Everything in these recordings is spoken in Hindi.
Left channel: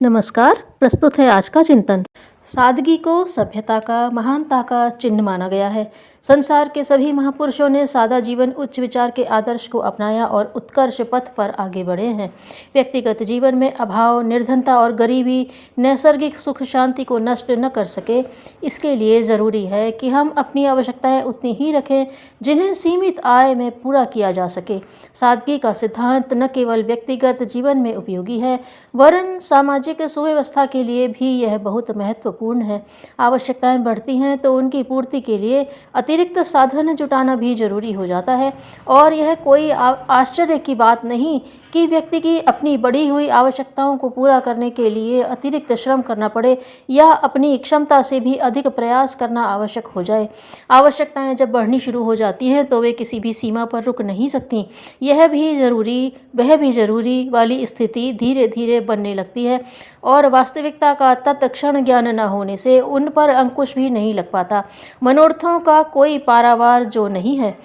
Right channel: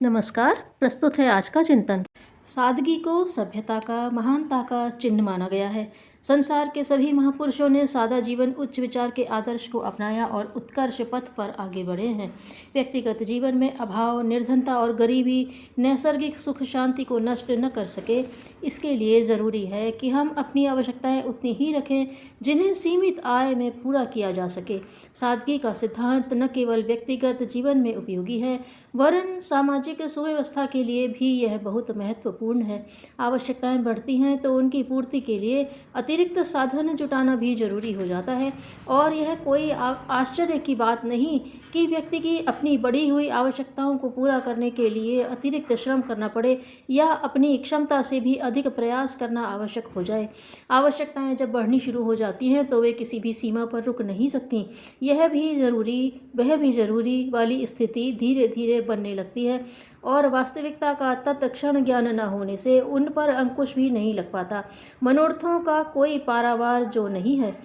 नमस्कार। प्रस्तुत है आज का चिंतन। सादगी को सभ्यता का, महानता का चिन्ह माना गया है। संसार के सभी महापुरुषों ने सादा जीवन, उच्च विचार के आदर्श को अपनाया और उत्कर्ष पथ पर आगे बढ़े हैं। व्यक्तिगत जीवन में अभाव, निर्धनता और गरीबी नैसर्गिक सुख शांति को नष्ट न कर सके। इसके लिए ज़रूरी है कि हम अपनी आवश्यकताएं उतनी ही रखें जिन्हें सीमित आय में पूरा किया जा सके। सादगी का सिद्धांत न केवल व्यक्तिगत जीवन में उपयोगी है, वरन सामाजिक सुव्यवस्था के लिए भी यह बहुत महत्वपूर्ण है। आवश्यकताएं बढ़ती हैं तो उनकी पूर्ति के लिए अतिरिक्त साधन जुटाना भी जरूरी हो जाता है, और यह कोई आश्चर्य की बात नहीं कि व्यक्ति की अपनी बढ़ी हुई आवश्यकताओं को पूरा करने के लिए अतिरिक्त श्रम करना पड़े या अपनी क्षमता से भी अधिक प्रयास करना आवश्यक हो जाए। आवश्यकताएं जब बढ़नी शुरू हो जाती हैं तो वे किसी भी सीमा पर रुक नहीं सकती। यह भी ज़रूरी, वह भी ज़रूरी वाली स्थिति धीरे धीरे बनने लगती है, और वास्तविकता का तत्क्षण ज्ञान न होने से उन पर अंकुश भी नहीं लग पाता। मनोरथों का कोई पारावार जो नहीं है।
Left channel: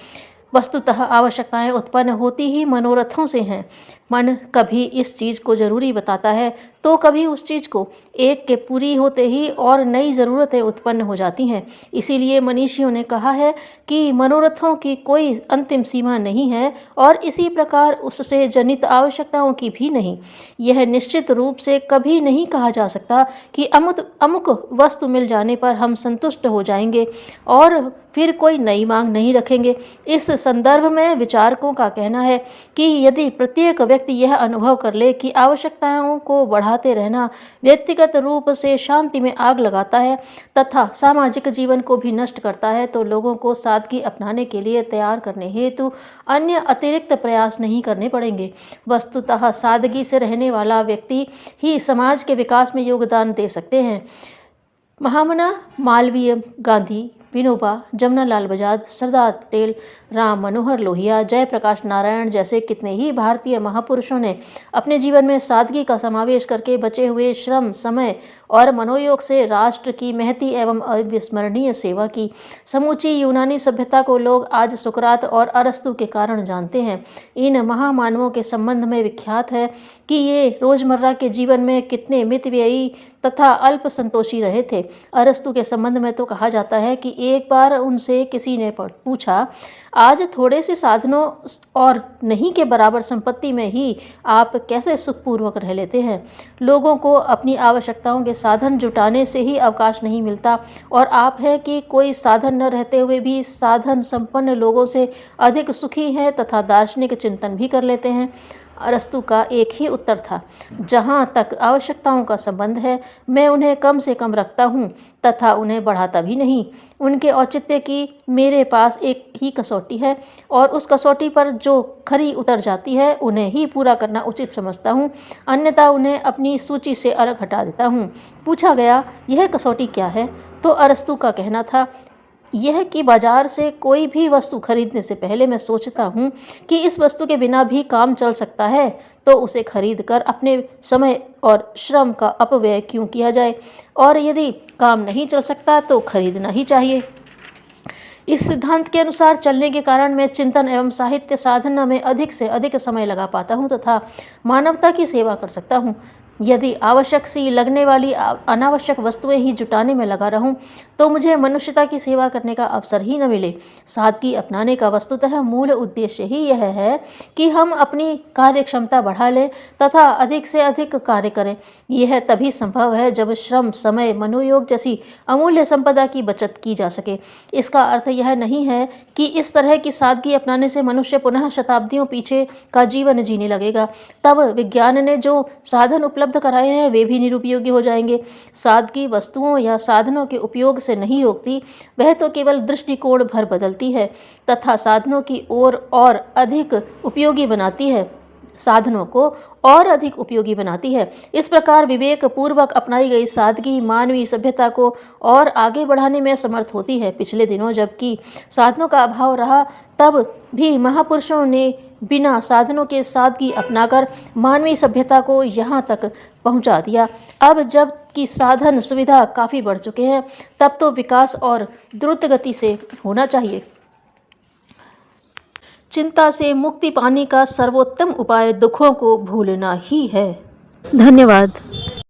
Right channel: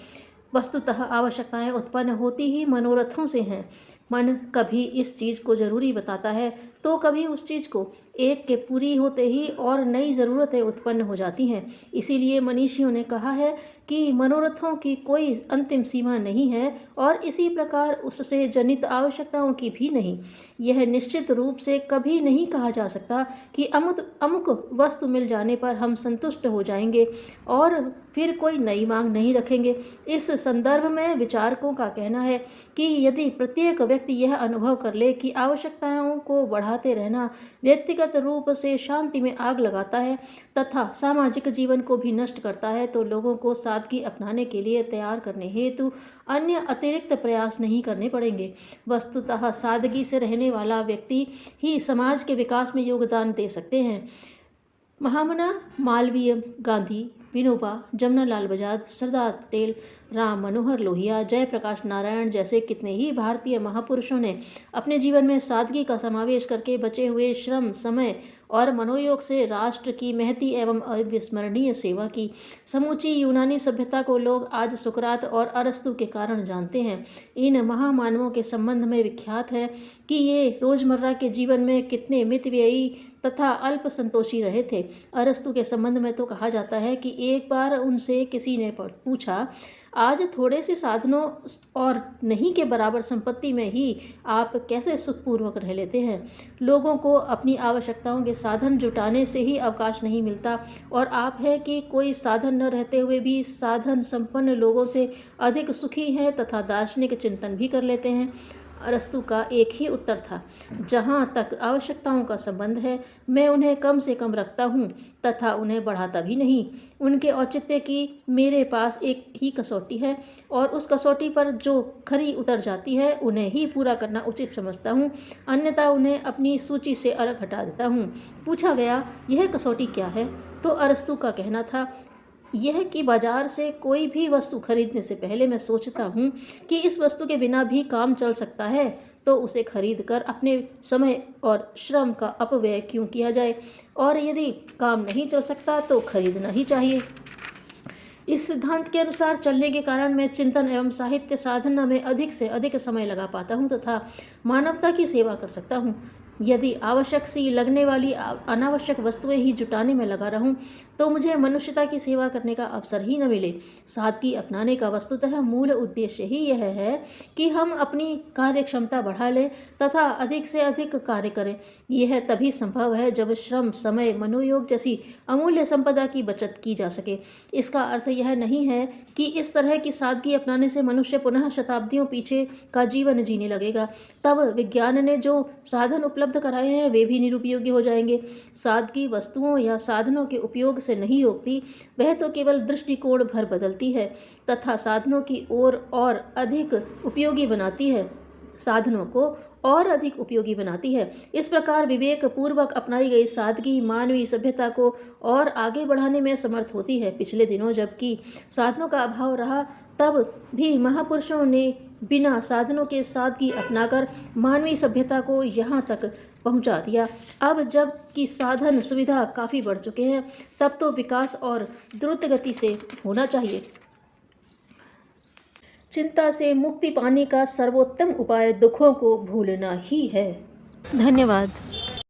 वस्तुतः आवश्यकताएं उत्पन्न होती ही मनोरथों से हैं। मन कभी इस चीज़ को ज़रूरी बताता है तो कभी उस चीज़ को। एक के पूरी होते ही और नई ज़रूरतें उत्पन्न हो जाती हैं। इसीलिए मनीषियों ने कहा है कि मनोरथों की कोई अंतिम सीमा नहीं है, और इसी प्रकार उससे जनित आवश्यकताओं की भी नहीं। यह निश्चित रूप से कभी नहीं कहा जा सकता कि अमुक वस्तु मिल जाने पर हम संतुष्ट हो जाएंगे और फिर कोई नई मांग नहीं रखेंगे। इस संदर्भ में विचारकों का कहना है कि यदि प्रत्येक व्यक्ति यह अनुभव कर ले कि आवश्यकताओं को बढ़ाते रहना व्यक्तिगत रूप से शांति में आग लगाता है तथा सामाजिक जीवन को भी नष्ट करता है, तो लोगों को सादगी अपनाने के लिए तैयार करने हेतु अन्य अतिरिक्त प्रयास नहीं करने पड़ेंगे। वस्तुतः सादगी से रहने वाला व्यक्ति ही समाज के विकास में योगदान दे सकते हैं। महामना, मालवीय, गांधी, विनोबा, जमनालाल बजाज, सरदार पटेल, राम मनोहर लोहिया, जयप्रकाश नारायण जैसे कितने ही भारतीय महापुरुषों ने अपने जीवन में सादगी का समावेश करके बचे हुए श्रम, समय और मनोयोग से राष्ट्र की महती एवं अविस्मरणीय सेवा की। समूची यूनानी सभ्यता को लोग आज सुकरात और अरस्तु के कारण जानते हैं। इन महामानवों के संबंध में विख्यात है कि ये रोजमर्रा के जीवन में कितने मितव्ययी तथा अल्प संतोषी रहे थे। अरस्तु के संबंध में तो कहा जाता है कि एक बार उनसे किसी ने पूछा, आज थोड़े से साधनों और नहीं के बराबर संपत्ति में ही आप कैसे सुखपूर्वक रह लेते हैं। लोगों को अपनी आवश्यकताओं के साधन जुटाने से ही अवकाश नहीं मिलता, और आप हैं कि कोई साधन न रहते हुए भी साधन संपन्न लोगों से अधिक सुखी हैं तथा दार्शनिक चिंतन भी कर लेते हैं। अरस्तु का एक ही उत्तर था, जहाँ तक आवश्यकताओं का संबंध है मैं उन्हें कम से कम रखता हूँ तथा उन्हें बढ़ाता भी नहीं। उनके औचित्य की मेरे पास एक ही कसौटी है, और उस कसौटी पर जो खरी उतर जाती है उन्हें ही पूरा करना उचित समझता हूँ, अन्यथा उन्हें अपनी सूची से अलग हटा देता हूँ। पूछा गया, यह कसौटी क्या है? तो अरस्तु का कहना था, यह कि बाजार से कोई भी वस्तु खरीदने से पहले मैं सोचता हूँ कि इस वस्तु के बिना भी काम चल सकता है, तो उसे खरीद कर अपने समय और श्रम का अपव्यय क्यों किया जाए, और यदि काम नहीं चल सकता तो खरीदना ही चाहिए। इस सिद्धांत के अनुसार चलने के कारण मैं चिंतन एवं साहित्य साधना में अधिक से अधिक समय लगा पाता हूँ तथा मानवता की सेवा कर सकता हूँ। यदि आवश्यक सी लगने वाली अनावश्यक वस्तुएं ही जुटाने में लगा रहूं तो मुझे मनुष्यता की सेवा करने का अवसर ही न मिले। सादगी अपनाने का वस्तुतः मूल उद्देश्य ही यह है कि हम अपनी कार्य क्षमता बढ़ा लें तथा अधिक से अधिक कार्य करें। यह तभी संभव है जब श्रम, समय, मनोयोग जैसी अमूल्य संपदा की बचत की जा सके। इसका अर्थ यह नहीं है कि इस तरह की सादगी अपनाने से मनुष्य पुनः शताब्दियों पीछे का जीवन जीने लगेगा। तब विज्ञान ने जो साधन उपलब्ध कराए हैं वे भी निरुपयोगी हो जाएंगे। सादगी वस्तुओं या साधनों के उपयोग से नहीं रोकती, वह तो केवल दृष्टिकोण भर बदलती है तथा साधनों की ओर और अधिक उपयोगी बनाती है, साधनों को और अधिक उपयोगी बनाती है। इस प्रकार विवेक पूर्वक अपनाई गई सादगी मानवीय सभ्यता को और आगे बढ़ाने में समर्थ होती है। पिछले दिनों जबकि साधनों का अभाव रहा, तब भी महापुरुषों ने बिना साधनों के सादगी अपनाकर मानवीय सभ्यता को यहाँ तक पहुँचा दिया। अब जब कि साधन सुविधा काफ़ी बढ़ चुके हैं, तब तो विकास और द्रुत गति से होना चाहिए। चिंता से मुक्ति पाने का सर्वोत्तम उपाय दुखों को भूलना ही है। धन्यवाद।